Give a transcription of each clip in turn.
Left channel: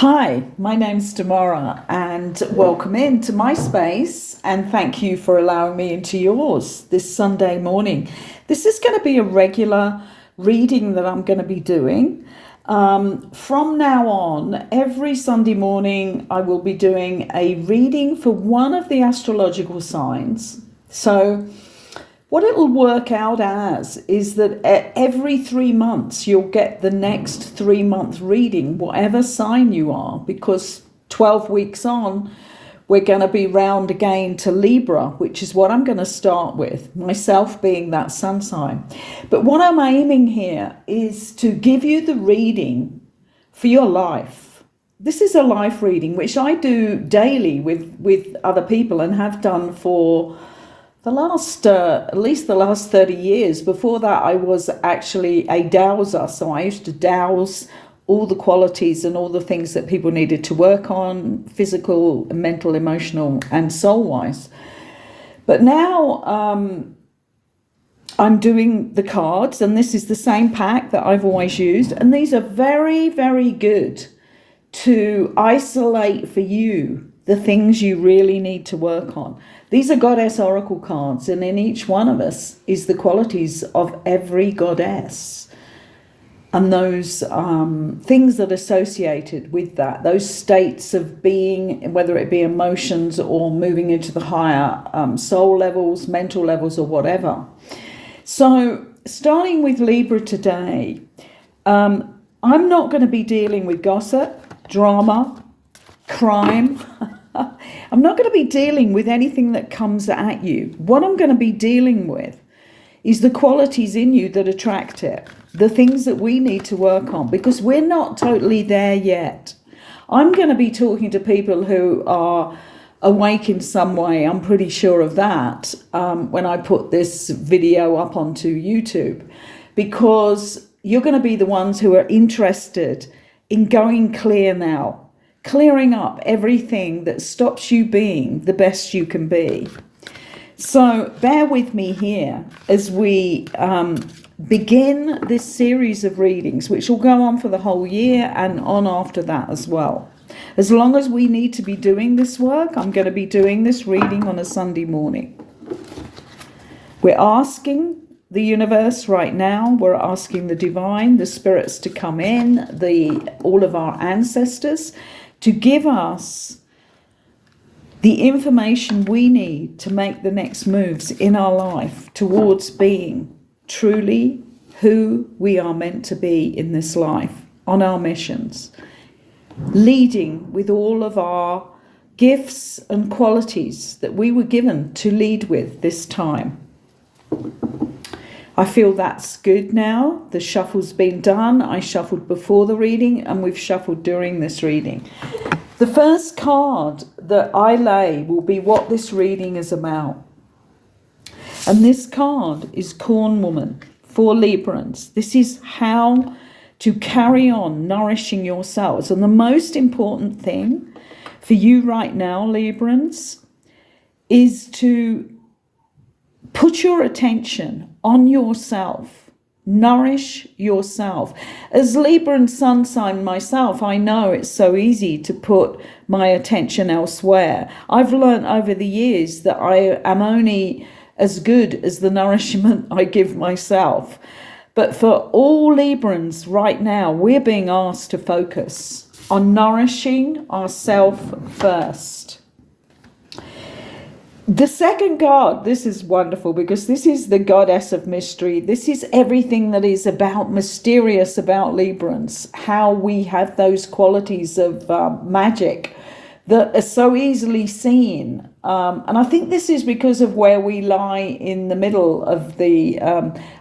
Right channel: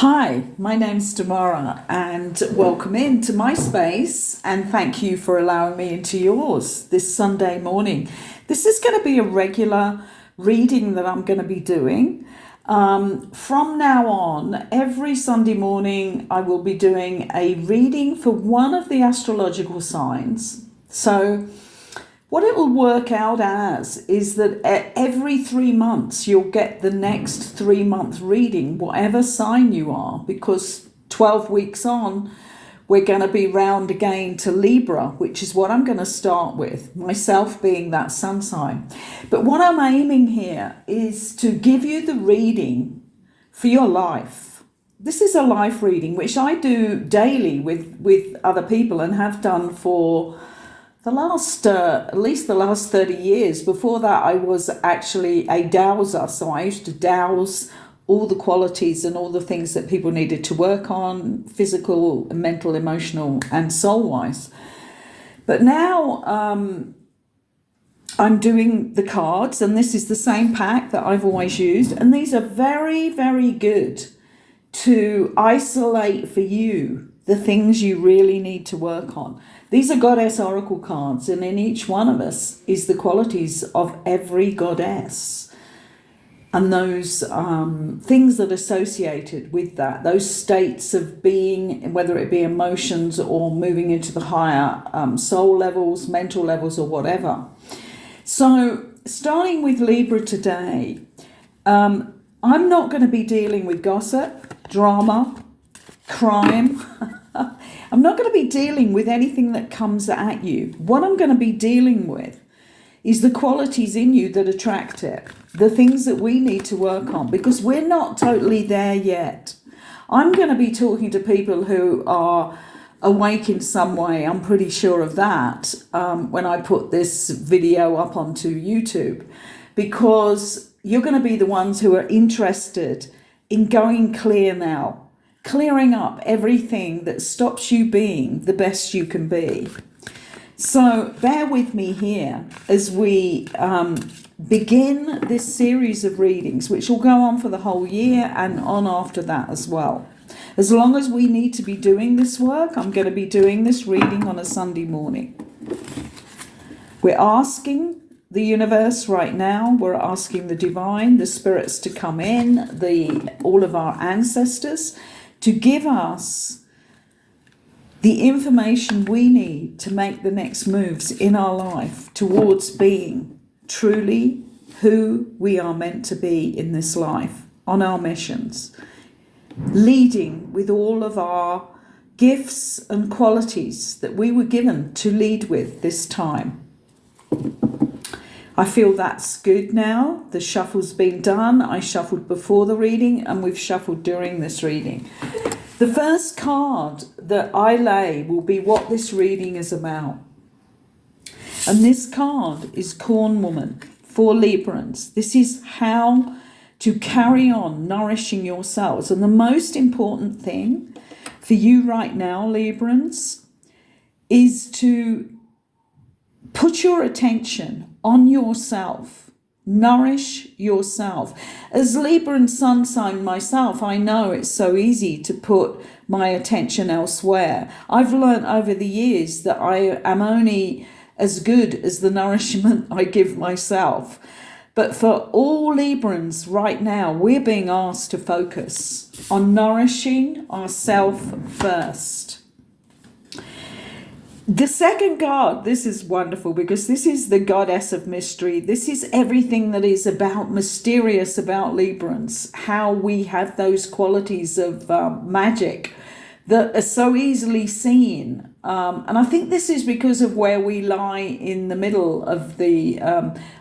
Hi, my name's Tamara and welcome into my space and thank you for allowing me into yours this Sunday morning. This is going to be a regular reading that I'm going to be doing. From now on, every Sunday morning I will be doing a reading for one of the astrological signs. So what it will work out as is that every 3 months you'll get the next 3-month reading, whatever sign you are, because 12 weeks on, we're going to be round again to Libra, which is what I'm going to start with, myself being that sun sign. But what I'm aiming here is to give you the reading for your life. This is a life reading, which I do daily with other people and have done for at least the last 30 years. Before that, I was actually a dowser. So I used to dowse all the qualities and all the things that people needed to work on, physical, mental, emotional, and soul-wise. But now I'm doing the cards, and this is the same pack that I've always used. And these are very, very good to isolate for you the things you really need to work on. These are goddess oracle cards, and in each one of us is the qualities of every goddess and those things that are associated with that, those states of being, whether it be emotions or moving into the higher soul levels, mental levels, or whatever. So starting with Libra today, I'm not going to be dealing with gossip, drama, crime. I'm not going to be dealing with anything that comes at you. What I'm going to be dealing with is the qualities in you that attract it, the things that we need to work on, because we're not totally there yet. I'm going to be talking to people who are awake in some way. I'm pretty sure of that when I put this video up onto YouTube, because you're going to be the ones who are interested in going clear now, clearing up everything that stops you being the best you can be. So bear with me here as we begin this series of readings, which will go on for the whole year and on after that as well. As long as we need to be doing this work, I'm going to be doing this reading on a Sunday morning. We're asking the universe right now, we're asking the divine, the spirits to come in, all of our ancestors, to give us the information we need to make the next moves in our life towards being truly who we are meant to be in this life, on our missions, leading with all of our gifts and qualities that we were given to lead with this time. I feel that's good now. The shuffle's been done. I shuffled before the reading and we've shuffled during this reading. The first card that I lay will be what this reading is about. And this card is Corn Woman for Librans. This is how to carry on nourishing yourselves. And the most important thing for you right now, Librans, is to put your attention on yourself. Nourish yourself. As Libra and sun sign myself, I know it's so easy to put my attention elsewhere. I've learned over the years that I am only as good as the nourishment I give myself. But for all Librans right now, we're being asked to focus on nourishing ourselves first. The second card, this is wonderful because this is the goddess of mystery. This is everything that is about mysterious about Librans, how we have those qualities of magic that are so easily seen. And I think this is because of where we lie in the middle of the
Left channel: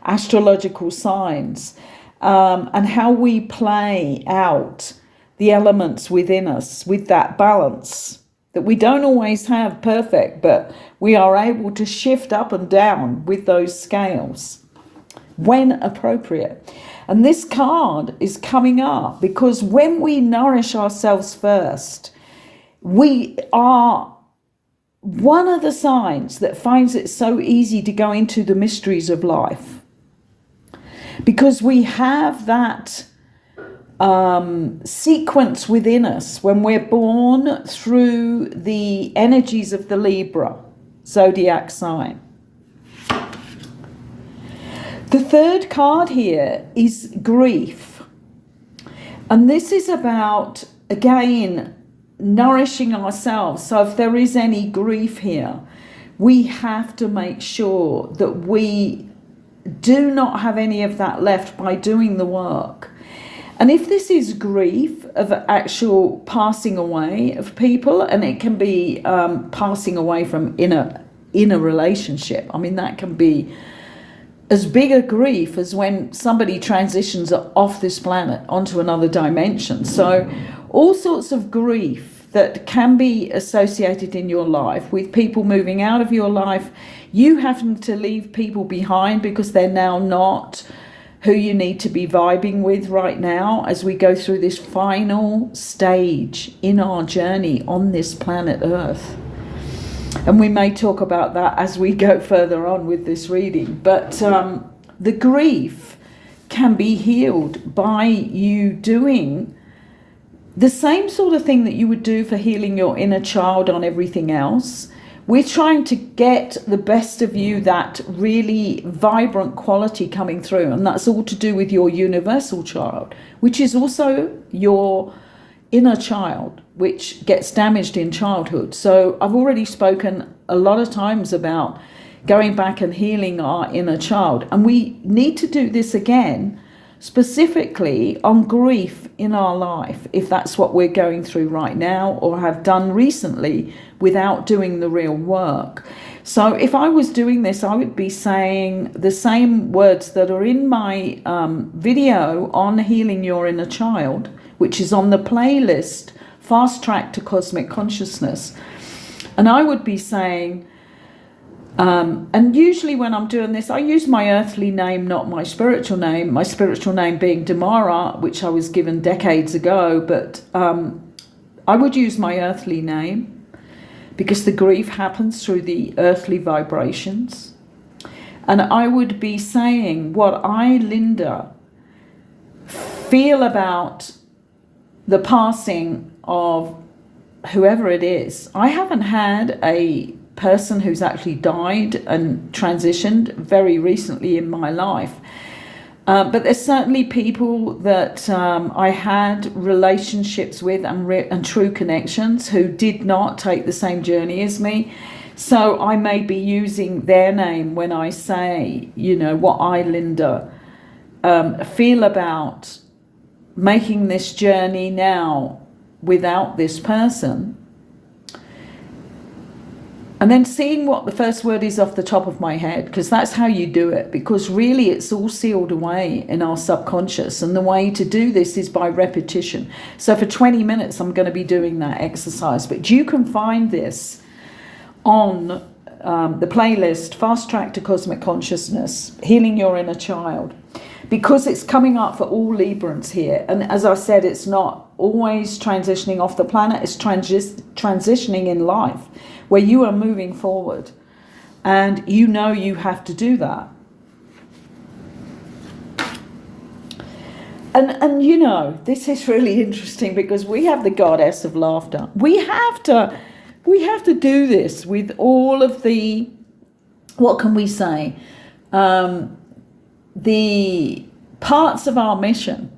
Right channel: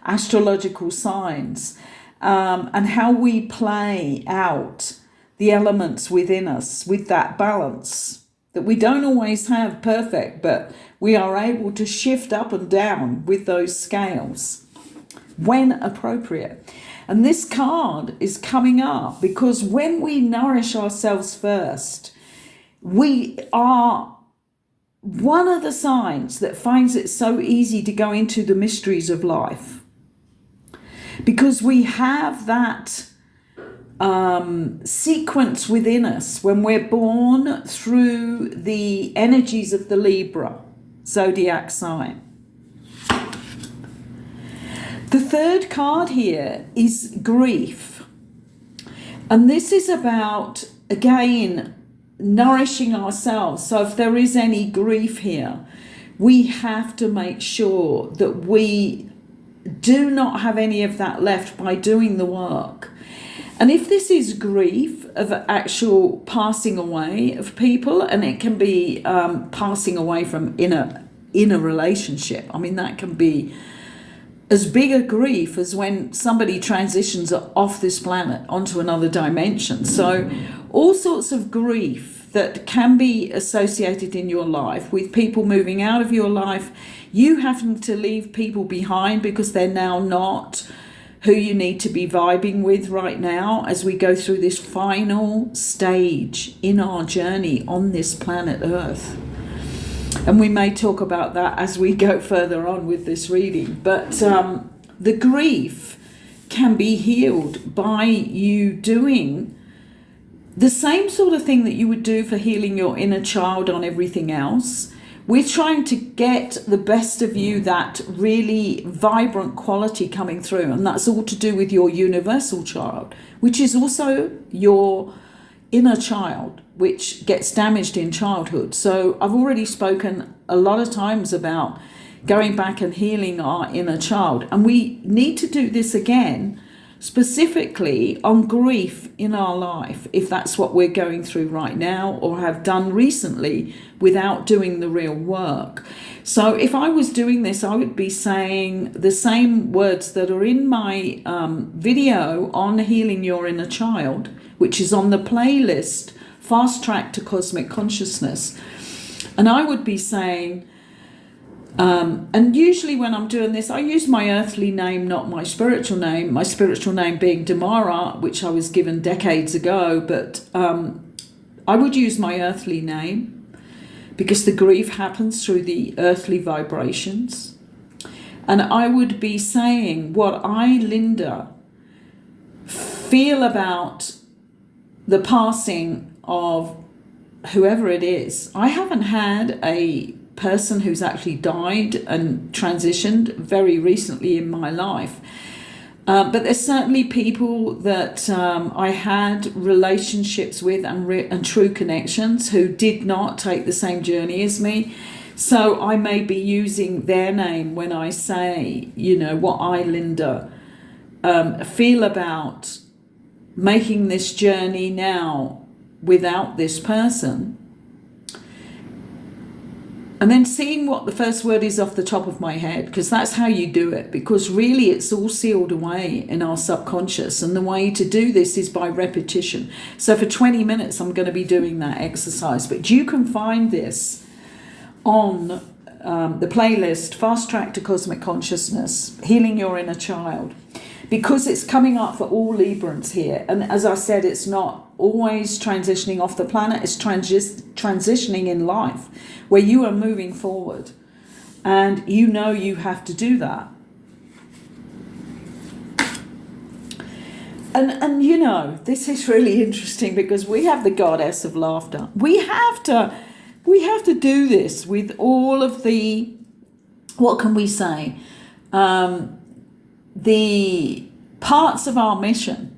astrological signs and how we play out the elements within us with that balance that we don't always have perfect, but we are able to shift up and down with those scales when appropriate. And this card is coming up because when we nourish ourselves first, we are one of the signs that finds it so easy to go into the mysteries of life, because we have that sequence within us when we're born through the energies of the Libra zodiac sign. The third card here is grief. And this is about, again, nourishing ourselves. So if there is any grief here, we have to make sure that we do not have any of that left by doing the work. And if this is grief of actual passing away of people, and it can be passing away from in a relationship, I mean, that can be as big a grief as when somebody transitions off this planet onto another dimension. So all sorts of grief that can be associated in your life with people moving out of your life, you having to leave people behind because they're now not who you need to be vibing with right now as we go through this final stage in our journey on this planet Earth. And we may talk about that as we go further on with this reading. But the grief can be healed by you doing the same sort of thing that you would do for healing your inner child on everything else. We're trying to get the best of you, that really vibrant quality coming through. And that's all to do with your universal child, which is also your inner child, which gets damaged in childhood. So I've already spoken a lot of times about going back and healing our inner child. And we need to do this again, specifically on grief in our life, if that's what we're going through right now or have done recently without doing the real work. So if I was doing this, I would be saying the same words that are in my video on healing your inner child, which is on the playlist Fast Track to Cosmic Consciousness. And I would be saying, and usually when I'm doing this, I use my earthly name, not my spiritual name being Damara, which I was given decades ago, but I would use my earthly name because the grief happens through the earthly vibrations. And I would be saying what I, Linda, feel about the passing of whoever it is. I haven't had a person who's actually died and transitioned very recently in my life. But there's certainly people that I had relationships with and true connections who did not take the same journey as me. So I may be using their name when I say, what I, Linda, feel about making this journey now without this person. And then seeing what the first word is off the top of my head, because that's how you do it, because really it's all sealed away in our subconscious. And the way to do this is by repetition. So for 20 minutes, I'm going to be doing that exercise. But you can find this on the playlist, Fast Track to Cosmic Consciousness, Healing Your Inner Child, because it's coming up for all Librans here. And as I said, it's not always transitioning off the planet, it's transitioning in life, where you are moving forward and you have to do that. And this is really interesting because we have the goddess of laughter. We have to do this with all of the, what can we say, the parts of our mission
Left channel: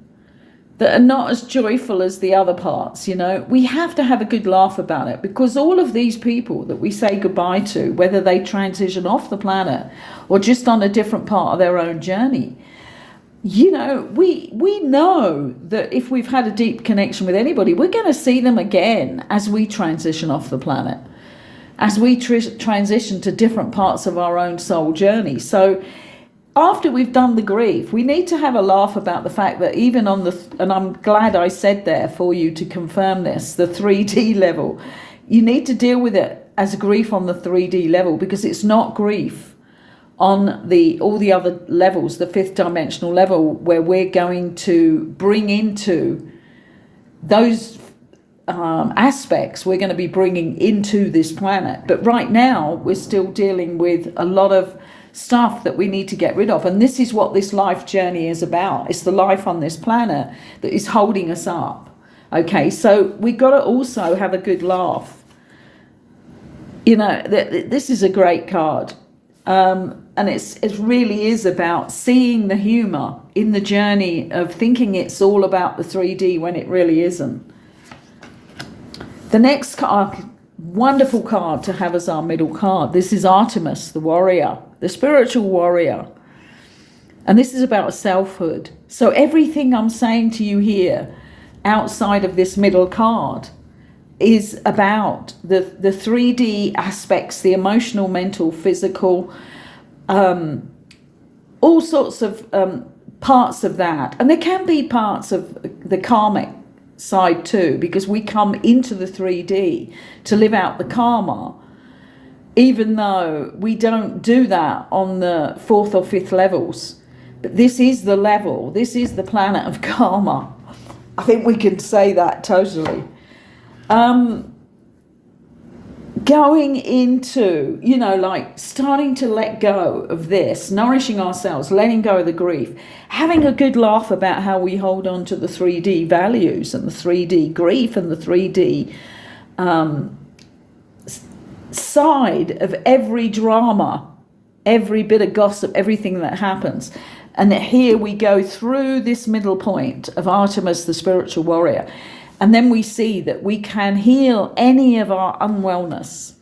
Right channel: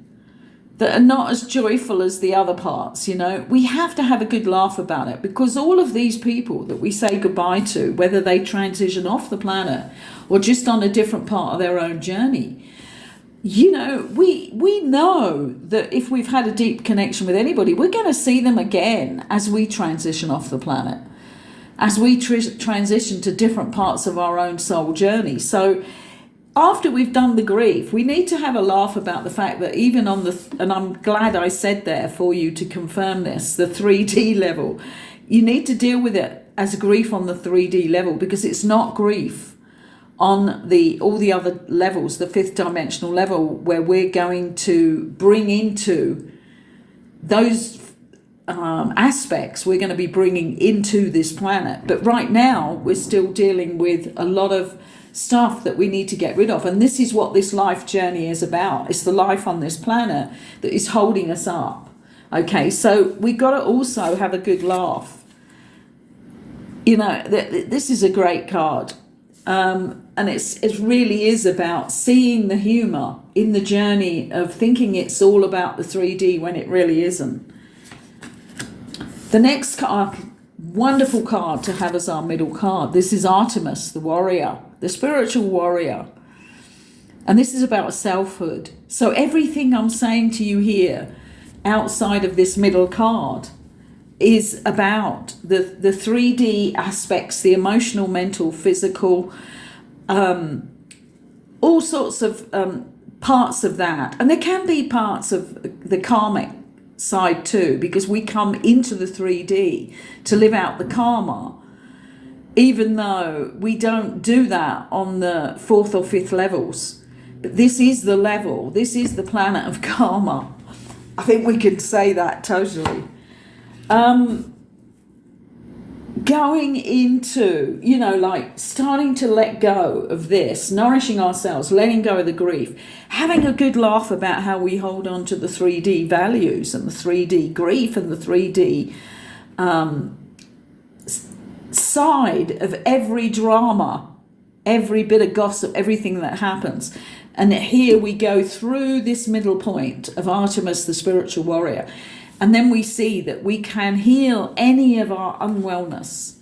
that are not as joyful as the other parts. We have to have a good laugh about it, because all of these people that we say goodbye to, whether they transition off the planet or just on a different part of their own journey, we know that if we've had a deep connection with anybody, we're going to see them again as we transition off the planet, as we transition to different parts of our own soul journey. So after we've done the grief, we need to have a laugh about the fact that even on and I'm glad I said there for you to confirm this, the 3D level, you need to deal with it as grief on the 3D level, because it's not grief on all the other levels, the fifth dimensional level, where we're going to bring into those aspects we're going to be bringing into this planet. But right now, we're still dealing with a lot of stuff that we need to get rid of. And this is what this life journey is about. It's the life on this planet that is holding us up. Okay, so we got to also have a good laugh. You know, this is a great card. And it really is about seeing the humour in the journey of thinking it's all about the 3D when it really isn't. The next card, wonderful card to have as our middle card. This is Artemis, the warrior, the spiritual warrior. And this is about selfhood. So everything I'm saying to you here outside of this middle card is about the 3D aspects, the emotional, mental, physical, all sorts of parts of that. And there can be parts of the karmic side too, because we come into the 3D to live out the karma, even though we don't do that on the 4th or 5th levels. But this is the level, this is the planet of karma. I think we can say that totally. Going into, you know, like starting to let go of this, nourishing ourselves, letting go of the grief, having a good laugh about how we hold on to the 3D values and the 3D grief and the 3D side of every drama, every bit of gossip, everything that happens. And here we go through this middle point of Artemis, the spiritual warrior. And then we see that we can heal any of our unwellness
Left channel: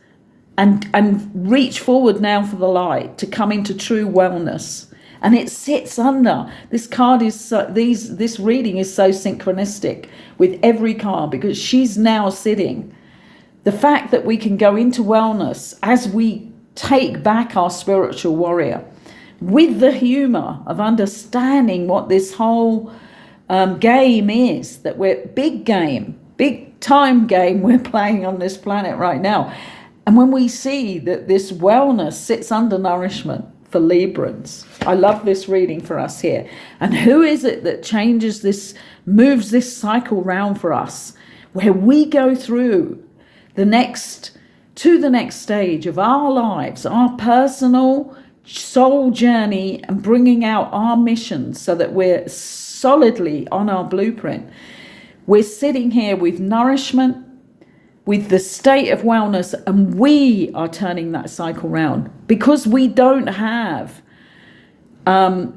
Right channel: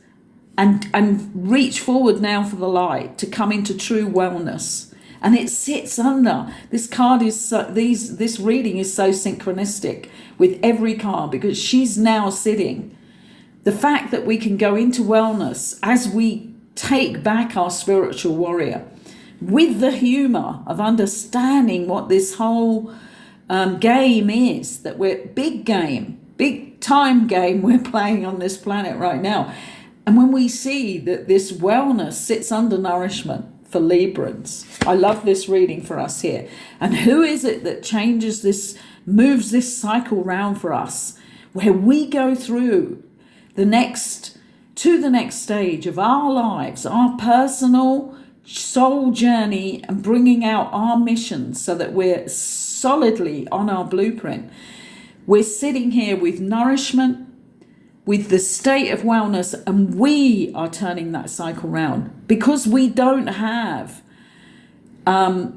and reach forward now for the light to come into true wellness. And it sits under. This card is this reading is so synchronistic with every card because she's now sitting. The fact that we can go into wellness as we take back our spiritual warrior with the humor of understanding what this whole game is, that we're big time game we're playing on this planet right now. And when we see that this wellness sits under nourishment for Librans, I love this reading for us here. And who is it that changes this, moves this cycle round for us, where we go through the next stage of our lives, our personal soul journey, and bringing out our missions so that we're solidly on our blueprint. We're sitting here with nourishment, with the state of wellness, and we are turning that cycle round because we don't have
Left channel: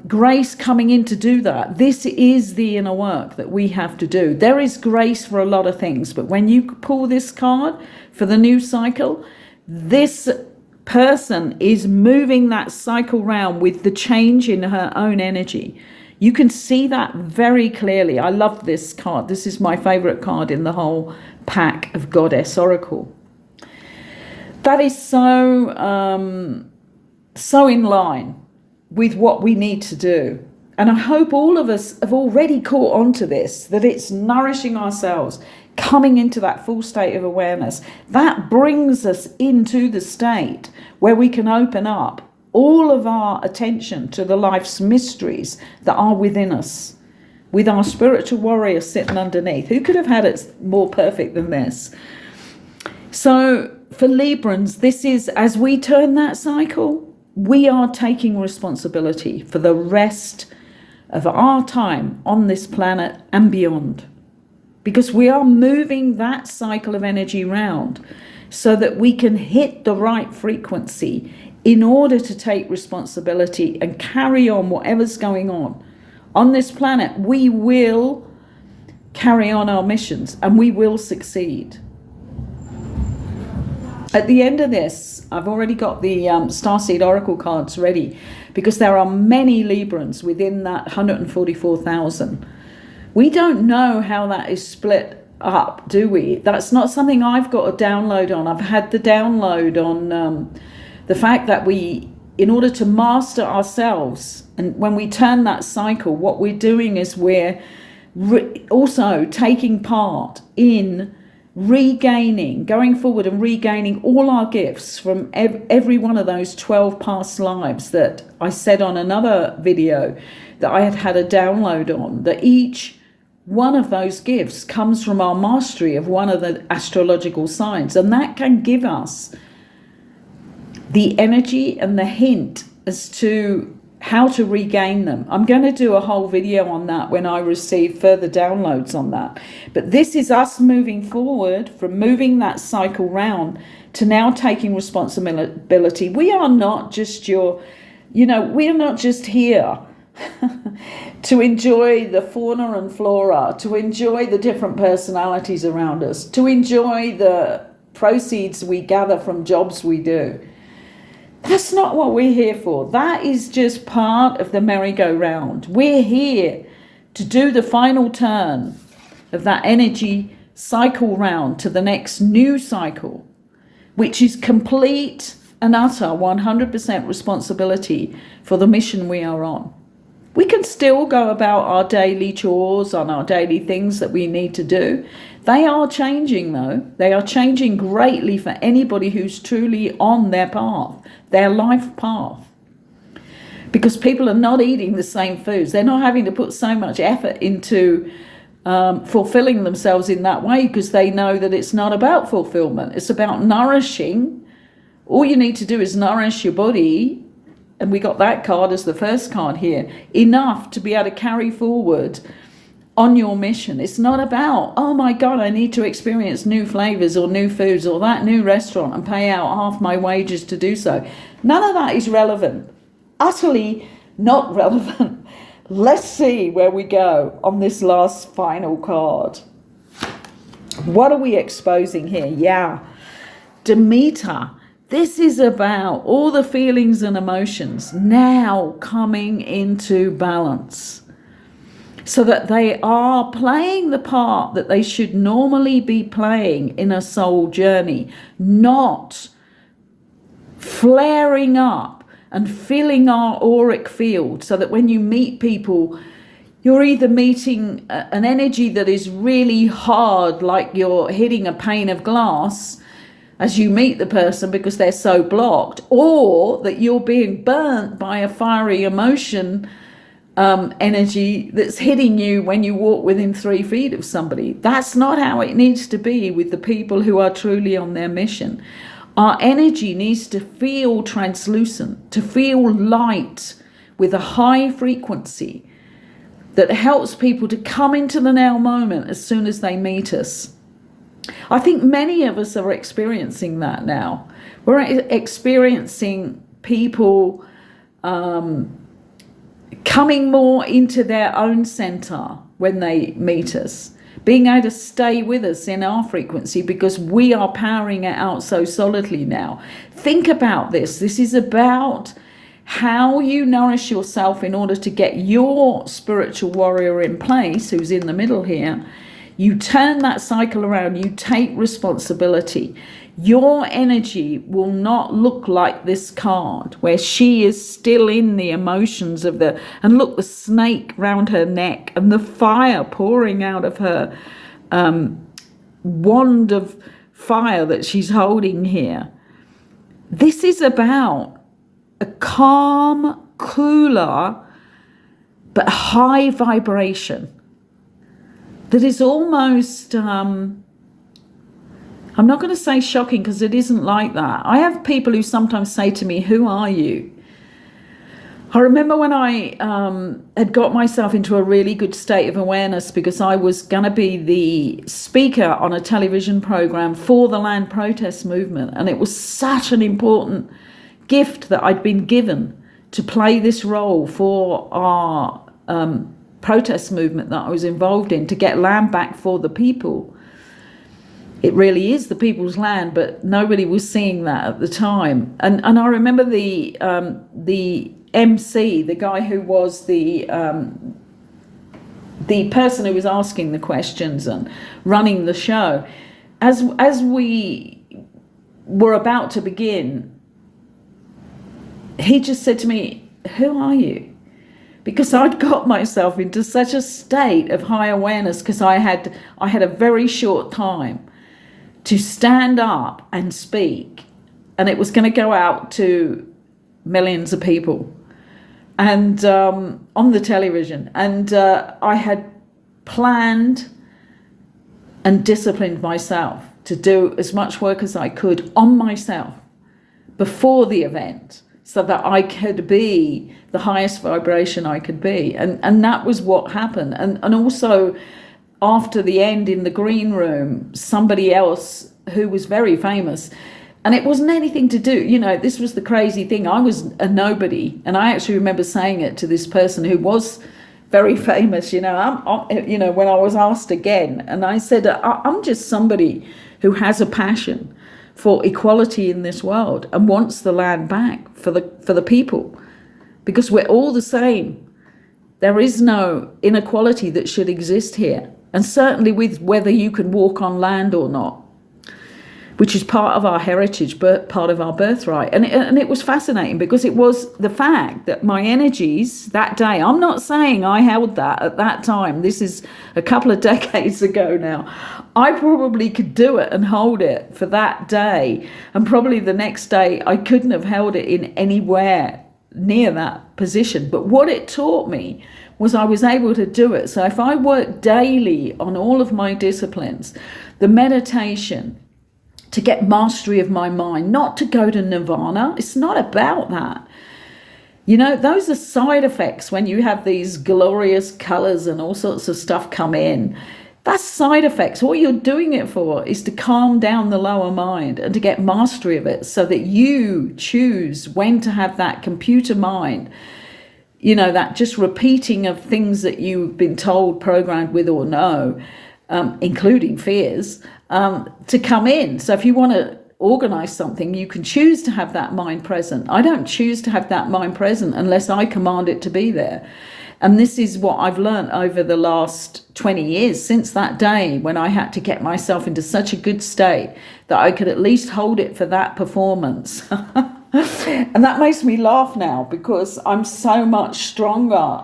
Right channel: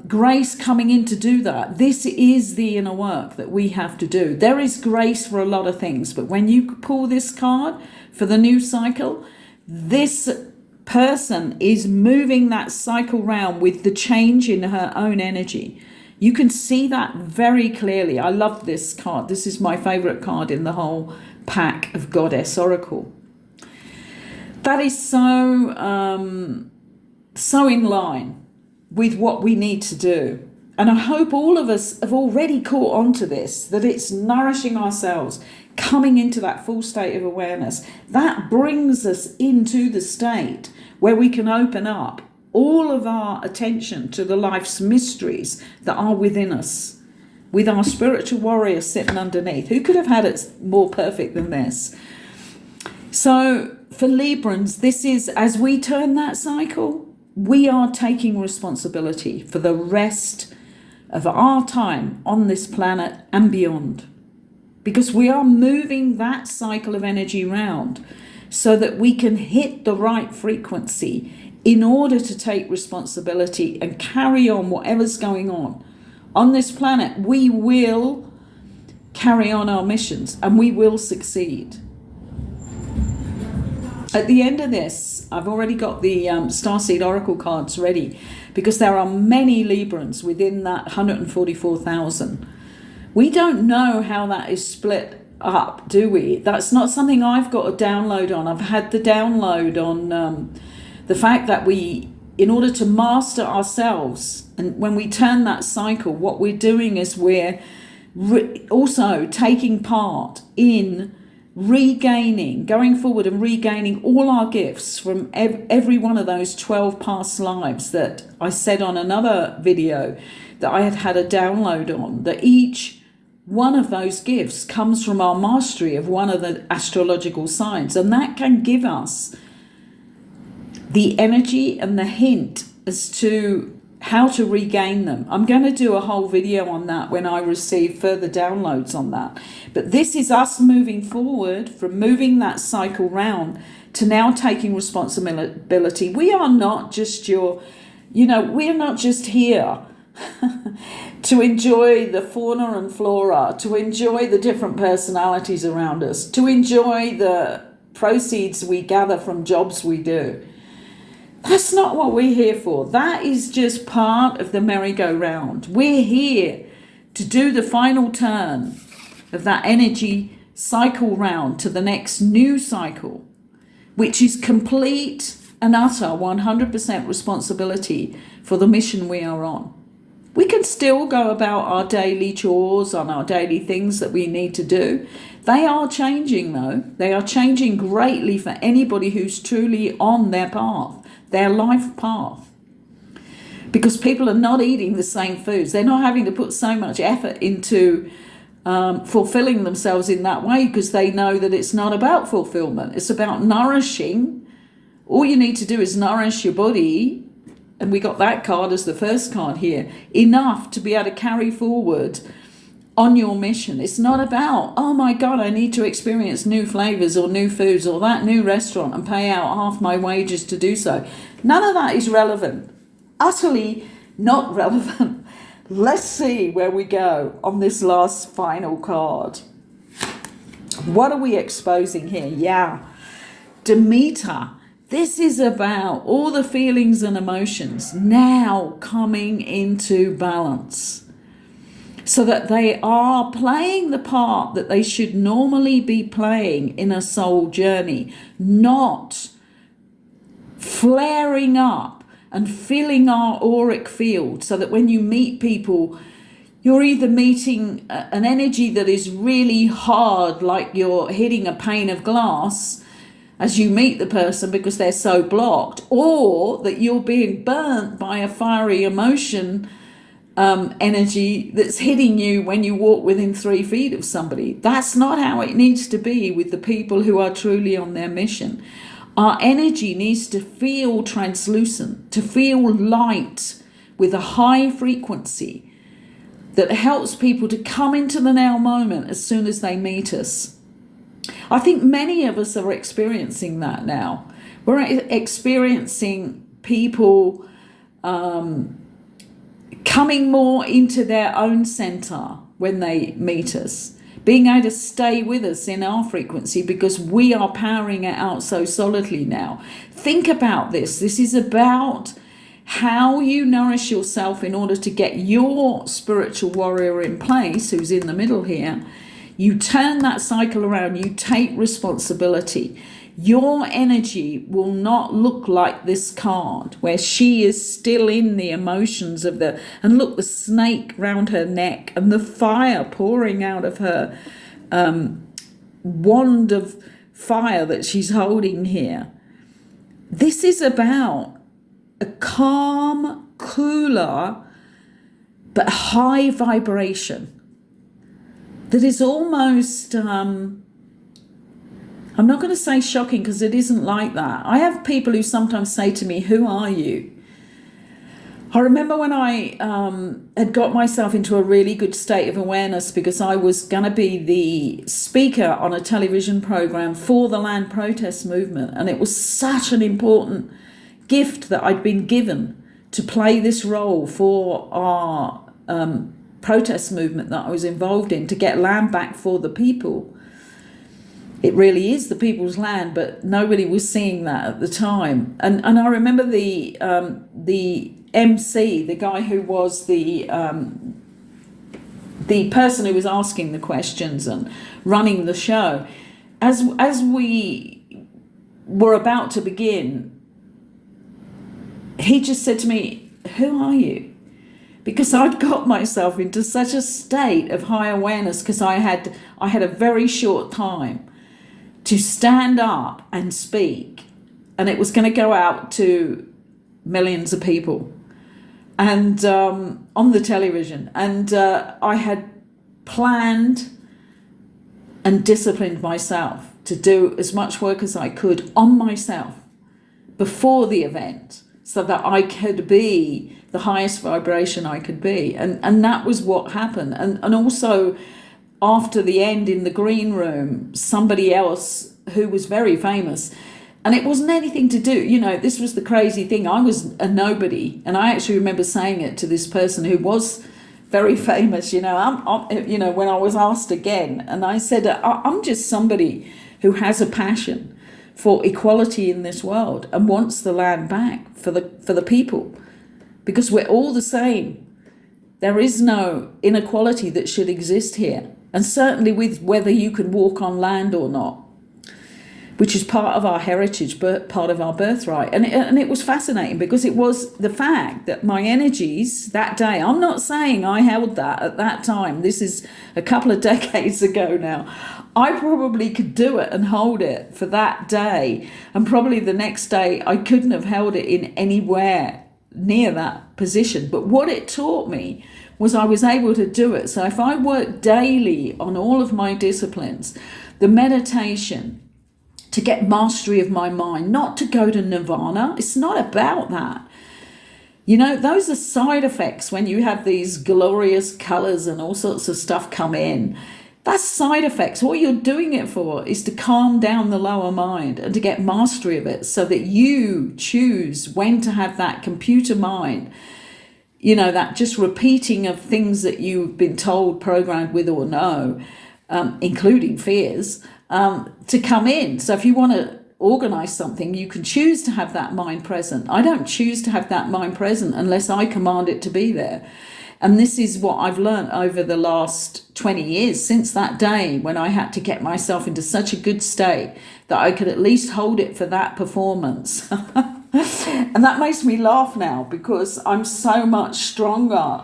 grace coming in to do that. This is the inner work that we have to do. There is grace for a lot of things, but when you pull this card for the new cycle, this person is moving that cycle round with the change in her own energy. You can see that very clearly. I love this card. This is my favorite card in the whole pack of Goddess Oracle. That is so in line with what we need to do. And I hope all of us have already caught on to this, that it's nourishing ourselves, coming into that full state of awareness. That brings us into the state where we can open up all of our attention to the life's mysteries that are within us, with our spiritual warrior sitting underneath. Who could have had it more perfect than this? So for Librans, this is, as we turn that cycle, we are taking responsibility for the rest of our time on this planet and beyond, because we are moving that cycle of energy round so that we can hit the right frequency in order to take responsibility and carry on whatever's going on this planet. We will carry on our missions and we will succeed. At the end of this, I've already got the Starseed Oracle cards ready, because there are many Librans within that 144,000. We don't know how that is split up, do we? That's not something I've got a download on. I've had the download on the fact that we, in order to master ourselves, and when we turn that cycle, what we're doing is we're also taking part in regaining, going forward and regaining all our gifts from every one of those 12 past lives that I said on another video that I had a download on, that each one of those gifts comes from our mastery of one of the astrological signs, and that can give us the energy and the hint as to how to regain them. I'm going to do a whole video on that when I receive further downloads on that. But this is us moving forward from moving that cycle round to now taking responsibility. We are not just we're not just here to enjoy the fauna and flora, to enjoy the different personalities around us, to enjoy the proceeds we gather from jobs we do. That's not what we're here for. That is just part of the merry-go-round. We're here to do the final turn of that energy cycle round to the next new cycle, which is complete and utter 100% responsibility for the mission we are on. We can still go about our daily chores, on our daily things that we need to do. They are changing, though. They are changing greatly for anybody who's truly on their path, their life path. Because people are not eating the same foods. They're not having to put so much effort into fulfilling themselves in that way, because they know that it's not about fulfillment. It's about nourishing. All you need to do is nourish your body, and we got that card as the first card here, enough to be able to carry forward on your mission. It's not about, oh my God, I need to experience new flavors or new foods or that new restaurant and pay out half my wages to do so. None of that is relevant. Utterly not relevant. Let's see where we go on this last final card. What are we exposing here? Yeah, Demeter. This is about all the feelings and emotions now coming into balance, so that they are playing the part that they should normally be playing in a soul journey, not flaring up and filling our auric field, so that when you meet people, you're either meeting an energy that is really hard, like you're hitting a pane of glass as you meet the person because they're so blocked, or that you're being burnt by a fiery emotion energy that's hitting you when you walk within 3 feet of somebody. That's not how it needs to be with the people who are truly on their mission. Our energy needs to feel translucent, to feel light with a high frequency that helps people to come into the now moment as soon as they meet us. I think many of us are experiencing that now. We're experiencing people coming more into their own center when they meet us, being able to stay with us in our frequency because we are powering it out so solidly now. Think about this. This is about how you nourish yourself in order to get your spiritual warrior in place, who's in the middle here. You turn that cycle around, you take responsibility. Your energy will not look like this card, where she is still in the emotions of and look, the snake round her neck and the fire pouring out of her wand of fire that she's holding here. This is about a calm, cooler, but high vibration that is almost, I'm not going to say shocking because it isn't like that. I have people who sometimes say to me, "Who are you?" I remember when I had got myself into a really good state of awareness because I was going to be the speaker on a television program for the land protest movement. And it was such an important gift that I'd been given to play this role for our protest movement that I was involved in, to get land back for the people. It really is the people's land, but nobody was seeing that at the time. And I remember the MC, the guy who was the person who was asking the questions and running the show. As we were about to begin, he just said to me, "Who are you?" Because I'd got myself into such a state of high awareness, because I had a very short time to stand up and speak, and it was going to go out to millions of people and on the television, and I had planned and disciplined myself to do as much work as I could on myself before the event, so that I could be the highest vibration I could be. And that was what happened. And also, after the end in the green room, somebody else who was very famous, and it wasn't anything to do, this was the crazy thing. I was a nobody. And I actually remember saying it to this person who was very famous, when I was asked again. And I said, I'm just somebody who has a passion for equality in this world and wants the land back for the people, because we're all the same. There is no inequality that should exist here, and certainly with whether you can walk on land or not, which is part of our heritage, but part of our birthright. And it was fascinating, because it was the fact that my energies that day, I'm not saying I held that at that time, this is a couple of decades ago now, I probably could do it and hold it for that day, and probably the next day I couldn't have held it in anywhere near that position. But what it taught me was I was able to do it. So if I work daily on all of my disciplines, the meditation, to get mastery of my mind, not to go to nirvana, it's not about that. Those are side effects when you have these glorious colors and all sorts of stuff come in. That's side effects. What you're doing it for is to calm down the lower mind and to get mastery of it, so that you choose when to have that computer mind, that just repeating of things that you've been told, programmed with or no, including fears, to come in. So if you want to organize something, you can choose to have that mind present. I don't choose to have that mind present unless I command it to be there. And this is what I've learned over the last 20 years, since that day when I had to get myself into such a good state that I could at least hold it for that performance. And that makes me laugh now, because I'm so much stronger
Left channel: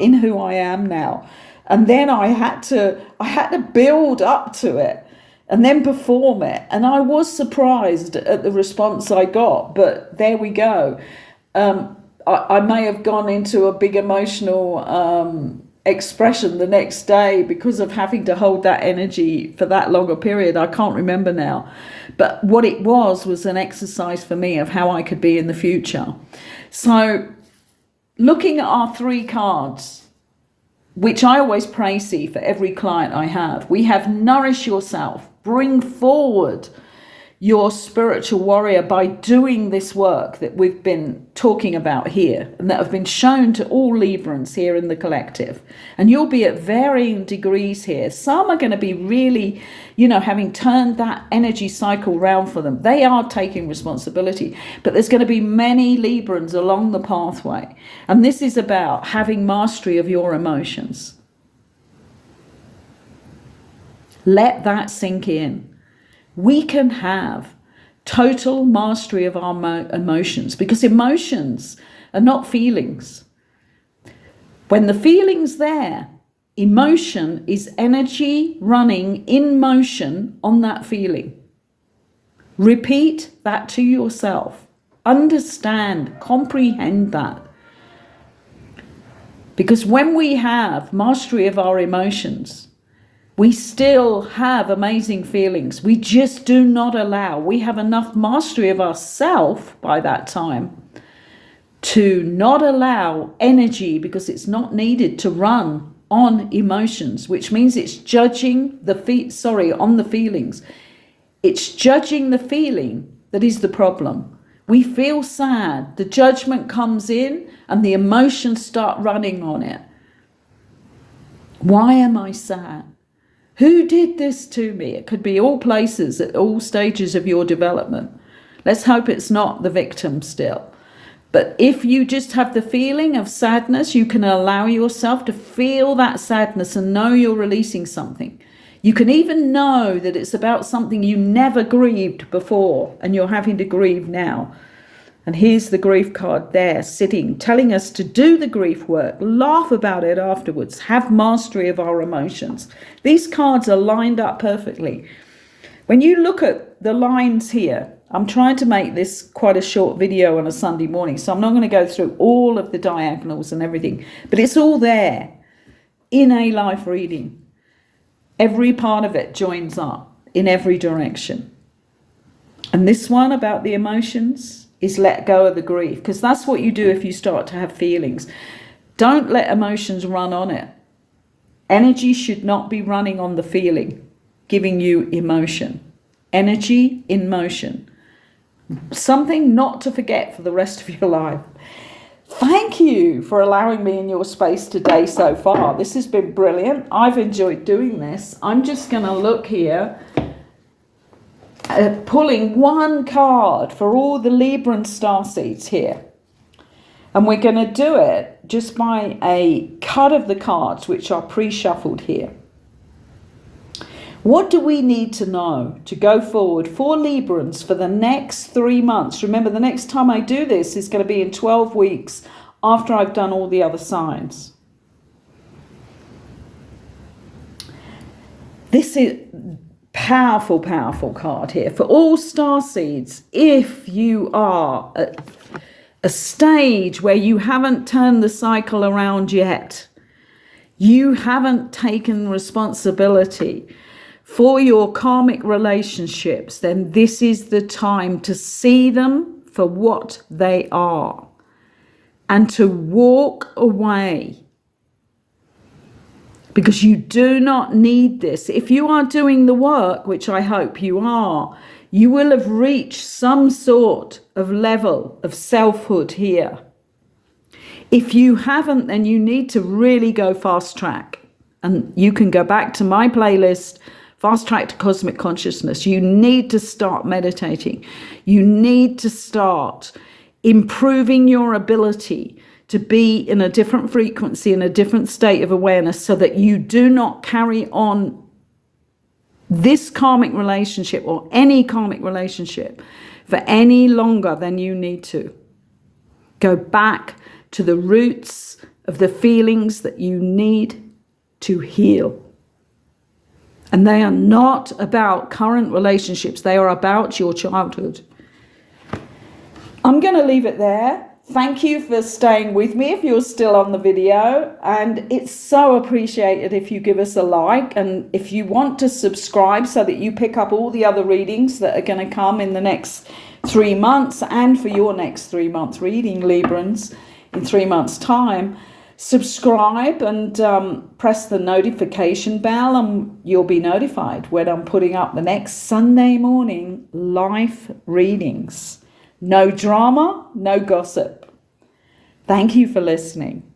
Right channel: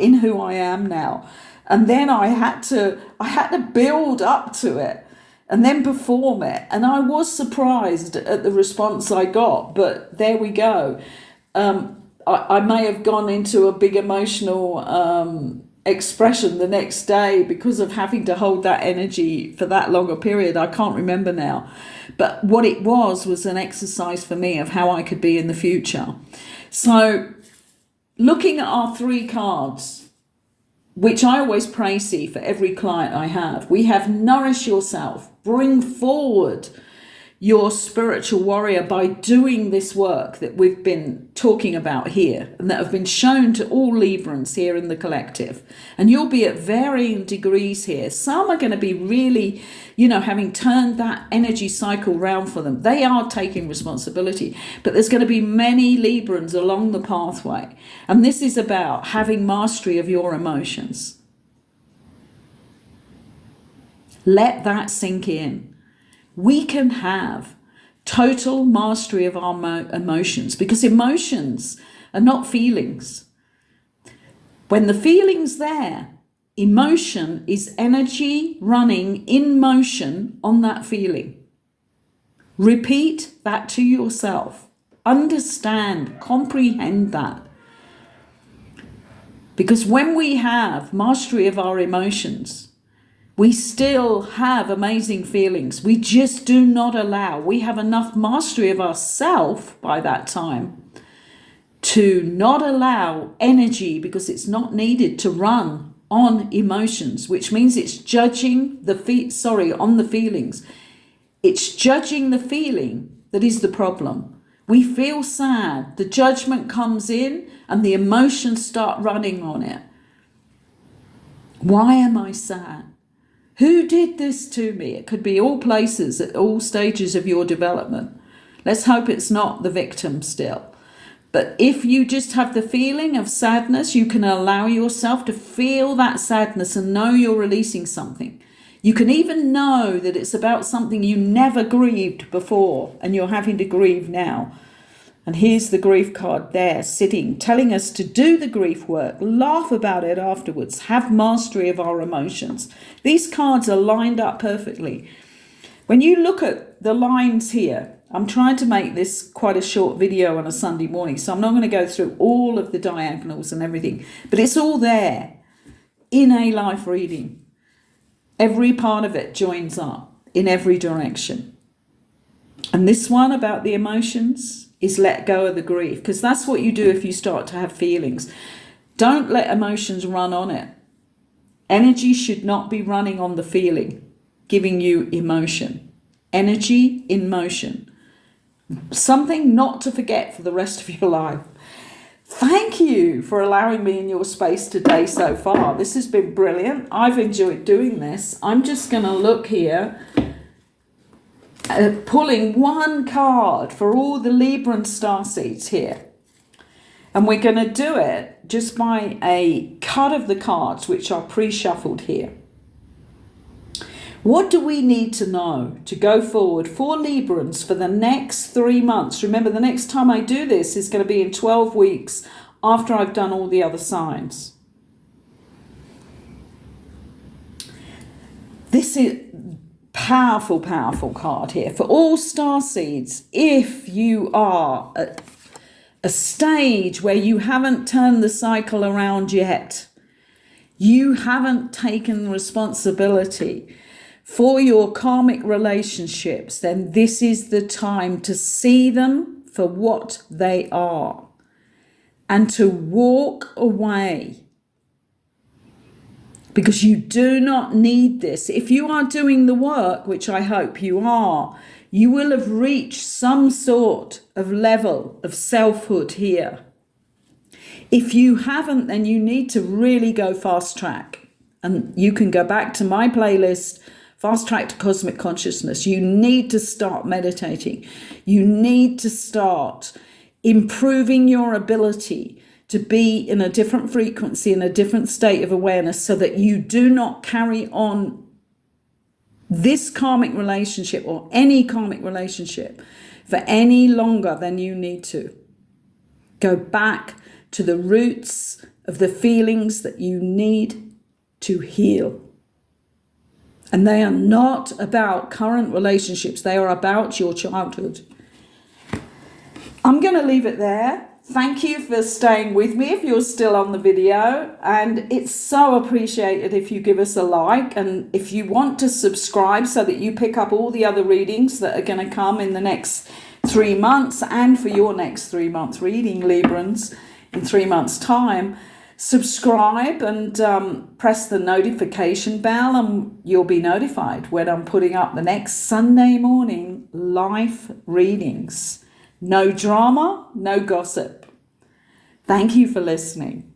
in who I am now. And then I had to build up to it and then perform it. And I was surprised at the response I got, but there we go. I may have gone into a big emotional expression the next day because of having to hold that energy for that longer period. I can't remember now. But what it was an exercise for me of how I could be in the future. So looking at our 3 cards, which I always see for every client I have, we have nourish yourself, bring forward your spiritual warrior by doing this work that we've been talking about here and that have been shown to all Librans here in the collective. And you'll be at varying degrees here. Some are going to be really, having turned that energy cycle round for them. They are taking responsibility, but there's going to be many Librans along the pathway. And this is about having mastery of your emotions. Let that sink in. We can have total mastery of our emotions, because emotions are not feelings. When the feeling's there, emotion is energy running in motion on that feeling. Repeat that to yourself. Understand, comprehend that. Because when we have mastery of our emotions, we still have amazing feelings. We just do not allow. We have enough mastery of ourself by that time to not allow energy, because it's not needed, to run on emotions, which means it's judging on the feelings. It's judging the feeling that is the problem. We feel sad, the judgment comes in and the emotions start running on it. Why am I sad? Who did this to me? It could be all places at all stages of your development. Let's hope it's not the victim still. But if you just have the feeling of sadness, you can allow yourself to feel that sadness and know you're releasing something. You can even know that it's about something you never grieved before and you're having to grieve now. And here's the grief card there, sitting, telling us to do the grief work, laugh about it afterwards, have mastery of our emotions. These cards are lined up perfectly. When you look at the lines here, I'm trying to make this quite a short video on a Sunday morning, so I'm not going to go through all of the diagonals and everything, but it's all there in a life reading. Every part of it joins up in every direction. And this one about the emotions, is let go of the grief, because that's what you do if you start to have feelings. Don't let emotions run on it. Energy should not be running on the feeling, giving you emotion. Energy in motion. Something not to forget for the rest of your life. Thank you for allowing me in your space today so far. This has been brilliant. I've enjoyed doing this. I'm just going to look here, pulling one card for all the Libra and starseeds here. And we're going to do it just by a cut of the cards, which are pre-shuffled here. What do we need to know to go forward for Librans for the next 3 months? Remember, the next time I do this is going to be in 12 weeks after I've done all the other signs. This is powerful, powerful card here. For all starseeds, if you are at a stage where you haven't turned the cycle around yet, you haven't taken responsibility for your karmic relationships, then this is the time to see them for what they are and to walk away, because you do not need this. If you are doing the work, which I hope you are, you will have reached some sort of level of selfhood here. If you haven't, then you need to really go fast track. And you can go back to my playlist, Fast Track to Cosmic Consciousness. You need to start meditating. You need to start improving your ability to be in a different frequency, in a different state of awareness, so that you do not carry on this karmic relationship or any karmic relationship for any longer than you need to. Go back to the roots of the feelings that you need to heal. And they are not about current relationships. They are about your childhood. I'm going to leave it there. Thank you for staying with me if you're still on the video. And it's so appreciated if you give us a like. And if you want to subscribe so that you pick up all the other readings that are going to come in the next 3 months, and for your next 3 month reading, Librans, in 3 months' time, subscribe and press the notification bell, and you'll be notified when I'm putting up the next Sunday morning live readings. No drama, no gossip. Thank you for listening.